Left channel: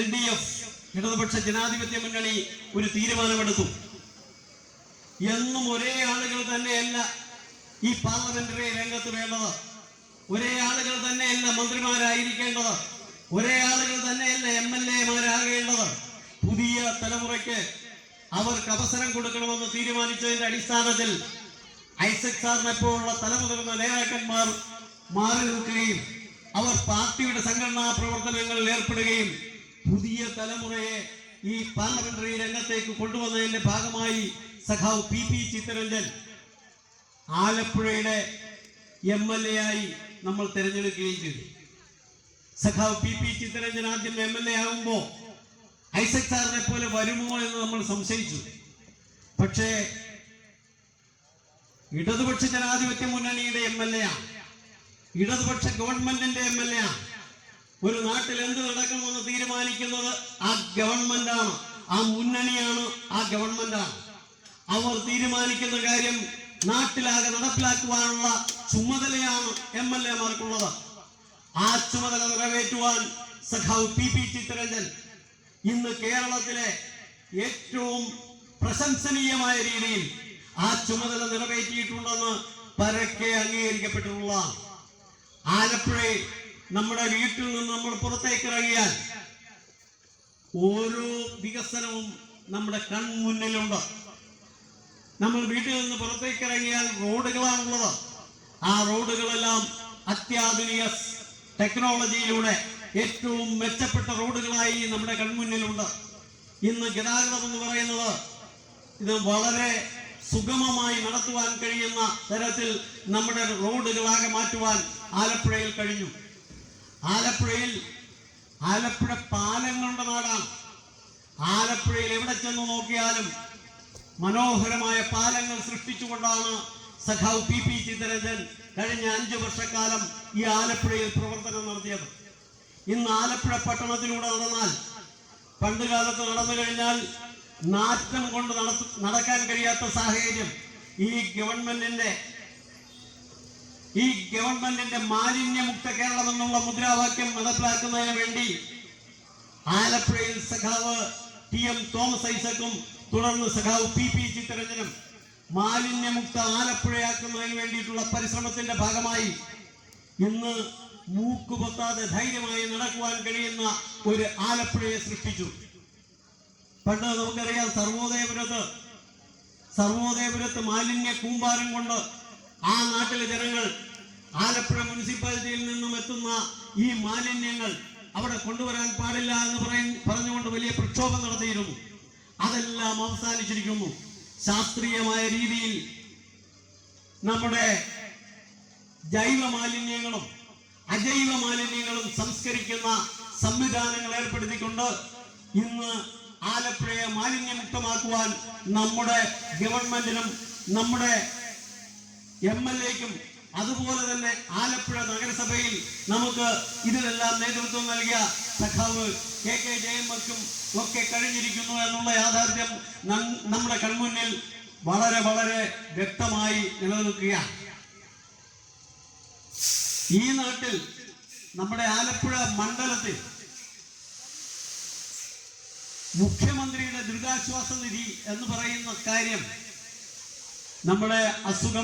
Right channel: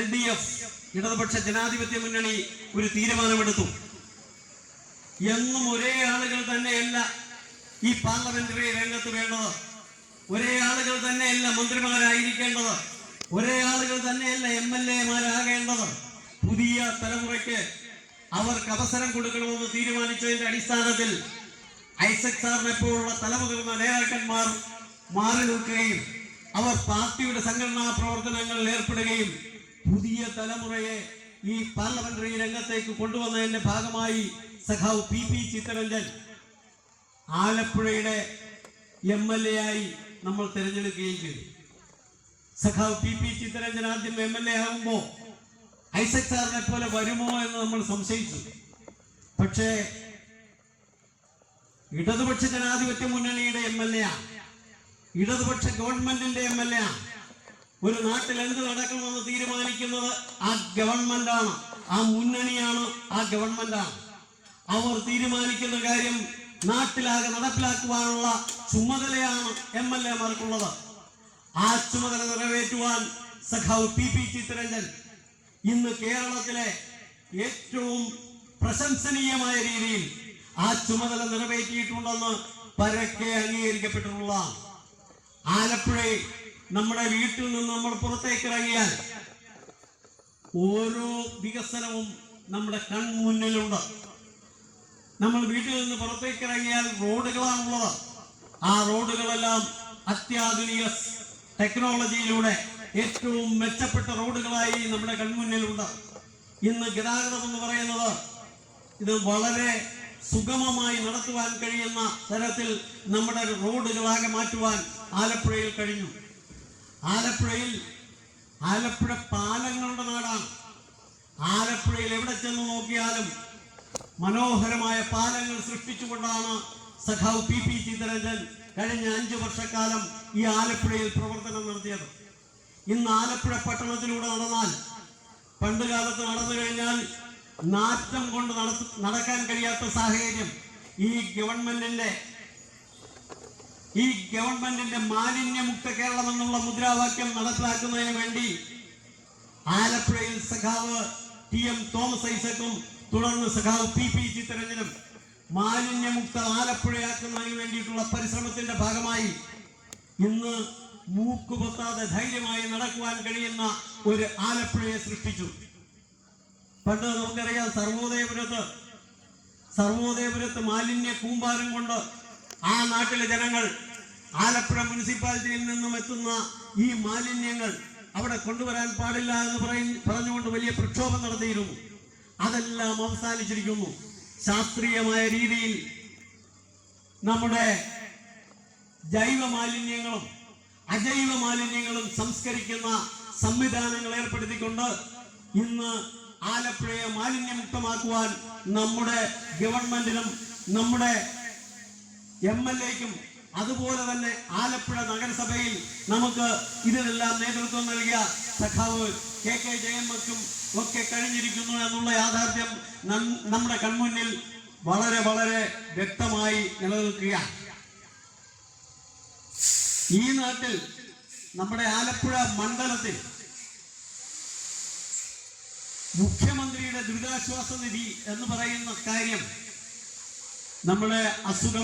LDF ഇടതുപക്ഷ ജനാധിപത്യ മുന്നണി ഒരു തീരുമാനമെടുത്തു. എന്നും ഒരേ ആളുകൾ തന്നെയല്ല ഈ പാർലമെന്ററി രംഗത്ത് വേണ്ടത്, ഒരേ ആളുകൾ തന്നെയല്ല മന്ത്രിമാരായിരിക്കേണ്ടത്, ഒരേ ആളുകൾ തന്നെയല്ല MLA-മാരാകേണ്ടത്. പുതിയ തലമുറയ്ക്ക് അവർക്ക് അവസരം കൊടുക്കണമെന്ന് തീരുമാനിച്ചതിന്റെ അടിസ്ഥാനത്തിൽ ഐസക് സാറിനെ പോലുള്ള തലമുതിർന്ന നേതാക്കന്മാർ മാറി നിൽക്കുകയും അവർ പാർട്ടിയുടെ സംഘടനാ പ്രവർത്തനങ്ങളിൽ ഏർപ്പെടുകയും പുതിയ തലമുറയെ ഈ പാർലമെന്ററി രംഗത്തേക്ക് കൊണ്ടുവന്നതിന്റെ ഭാഗമായി സഖാവ് PP ചിത്തരഞ്ജൻ ആലപ്പുഴയുടെ MLA ആയി നമ്മൾ തിരഞ്ഞെടുക്കുകയും ചെയ്തു. സഖാവ് PP ചിത്തരഞ്ജൻ ആദ്യം MLA ആകുമ്പോൾ ഐസക് സാറിനെ പോലെ വരുമോ എന്ന് നമ്മൾ സംശയിച്ചു. പക്ഷേ ഇടതുപക്ഷ ജനാധിപത്യ മുന്നണിയുടെ MLA, ഇടതുപക്ഷ ഗവൺമെന്റിന്റെ MLA. ഒരു നാട്ടിൽ എന്ത് നടക്കണമെന്ന് തീരുമാനിക്കുന്നത് ആ ഗവൺമെന്റാണ്, ആ മുന്നണിയാണ്, ആ ഗവൺമെന്റാണ്. അവർ തീരുമാനിക്കുന്ന കാര്യം നാട്ടിലാകെ നടപ്പിലാക്കുവാനുള്ള ചുമതലയാണ് MLA-മാർക്കുള്ളത്. ആ ചുമതല നിറവേറ്റുവാൻ സഖാവ് PP ചിത്തരഞ്ജൻ ഇന്ന് കേരളത്തിലെ ഏറ്റവും പ്രശംസനീയമായ രീതിയിൽ ആ ചുമതല നിറവേറ്റിയിട്ടുണ്ടെന്ന് പരക്കെ അംഗീകരിക്കപ്പെട്ടിട്ടുള്ള ആലപ്പുഴയിൽ നമ്മുടെ വീട്ടിൽ നിന്ന് നമ്മൾ പുറത്തേക്ക് ഇറങ്ങിയാൽ ഓരോ വികസനവും നമ്മുടെ കൺമുന്നിലുണ്ട്. നമ്മൾ വീട്ടിൽ നിന്ന് പുറത്തേക്ക് ഇറങ്ങിയാൽ റോഡുകളാണുള്ളത്. ആ റോഡുകളെല്ലാം അത്യാധുനിക ടെക്നോളജിയിലൂടെ ഏറ്റവും മെച്ചപ്പെട്ട റോഡുകളായി നമ്മുടെ കൺമുന്നിലുണ്ട്. ഇന്ന് ഗതാഗതം എന്ന് പറയുന്നത് ഇത് വളരെ സുഗമമായി നടത്തുവാൻ കഴിയുന്ന തരത്തിൽ നമ്മുടെ റോഡുകളാകെ മാറ്റുവാൻ ആലപ്പുഴയിൽ കഴിഞ്ഞു. ആലപ്പുഴ പാലങ്ങളുടെ നാടാണ്. ആലപ്പുഴയിൽ എവിടെ ചെന്ന് നോക്കിയാലും മനോഹരമായ പാലങ്ങൾ സൃഷ്ടിച്ചുകൊണ്ടാണ് സഖാവ് PP ചിത്തരഞ്ജൻ കഴിഞ്ഞ 5 വർഷക്കാലം ഈ ആലപ്പുഴയിൽ പ്രവർത്തനം നടത്തിയത്. ഇന്ന് ആലപ്പുഴ പട്ടണത്തിലൂടെ നടന്നാൽ, പണ്ട് കാലത്ത് നടന്നു കഴിഞ്ഞാൽ നാറ്റം കൊണ്ട് നടക്കാൻ കഴിയാത്ത സാഹചര്യം ഈ ഗവൺമെന്റിന്റെ മാലിന്യമുക്ത കേരളം എന്നുള്ള മുദ്രാവാക്യം നടപ്പിലാക്കുന്നതിന് വേണ്ടി ആലപ്പുഴയിൽ സഖാവ് TM തോമസ് ഐസക്കും തുടർന്ന് സഖാവ് PP ചിത്തരഞ്ജനും മാലിന്യമുക്ത ആലപ്പുഴയാക്കുന്നതിന് വേണ്ടിയിട്ടുള്ള പരിശ്രമത്തിന്റെ ഭാഗമായി ഇന്ന് മൂക്കുപൊത്താതെ ധൈര്യമായി നടക്കുവാൻ കഴിയുന്ന ഒരു ആലപ്പുഴയെ സൃഷ്ടിച്ചു. പണ്ട് നമുക്കറിയാം, സർവോദയപുരത്ത് മാലിന്യ കൂമ്പാരം കൊണ്ട് ആ നാട്ടിലെ ജനങ്ങൾ ആലപ്പുഴ മുനിസിപ്പാലിറ്റിയിൽ നിന്നും എത്തുന്ന ഈ മാലിന്യങ്ങൾ അവിടെ കൊണ്ടുവരാൻ പാടില്ല എന്ന് പറഞ്ഞുകൊണ്ട് വലിയ പ്രക്ഷോഭം നടത്തിയിരുന്നു. അതെല്ലാം അവസാനിച്ചിരിക്കുന്നു. ശാസ്ത്രീയമായ രീതിയിൽ നമ്മുടെ ജൈവ മാലിന്യങ്ങളും അജൈവ മാലിന്യങ്ങളും സംസ്കരിക്കുന്ന സംവിധാനങ്ങൾ ഏർപ്പെടുത്തിക്കൊണ്ട് ഇന്ന് ആലപ്പുഴയെ മാലിന്യമുക്തമാക്കുവാൻ നമ്മുടെ ഗവൺമെന്റിനും നമ്മുടെ MLA-ക്കും അതുപോലെ തന്നെ ആലപ്പുഴ നഗരസഭയിൽ നമുക്ക് ഇതിനെല്ലാം നേതൃത്വം നൽകിയ സഖാവ് KK ജയമ്മക്കും ഒക്കെ കഴിഞ്ഞിരിക്കുന്നു എന്നുള്ള യാഥാർത്ഥ്യം നമ്മുടെ കൺമുന്നിൽ വളരെ വളരെ വ്യക്തമായി നിലനിൽക്കുകയാണ്. ഈ നാട്ടിൽ നമ്മുടെ ആലപ്പുഴ മണ്ഡലത്തിൽ മുഖ്യമന്ത്രിയുടെ ദുരിതാശ്വാസ നിധി എന്ന് പറയുന്ന കാര്യം നമ്മുടെ അസുഖം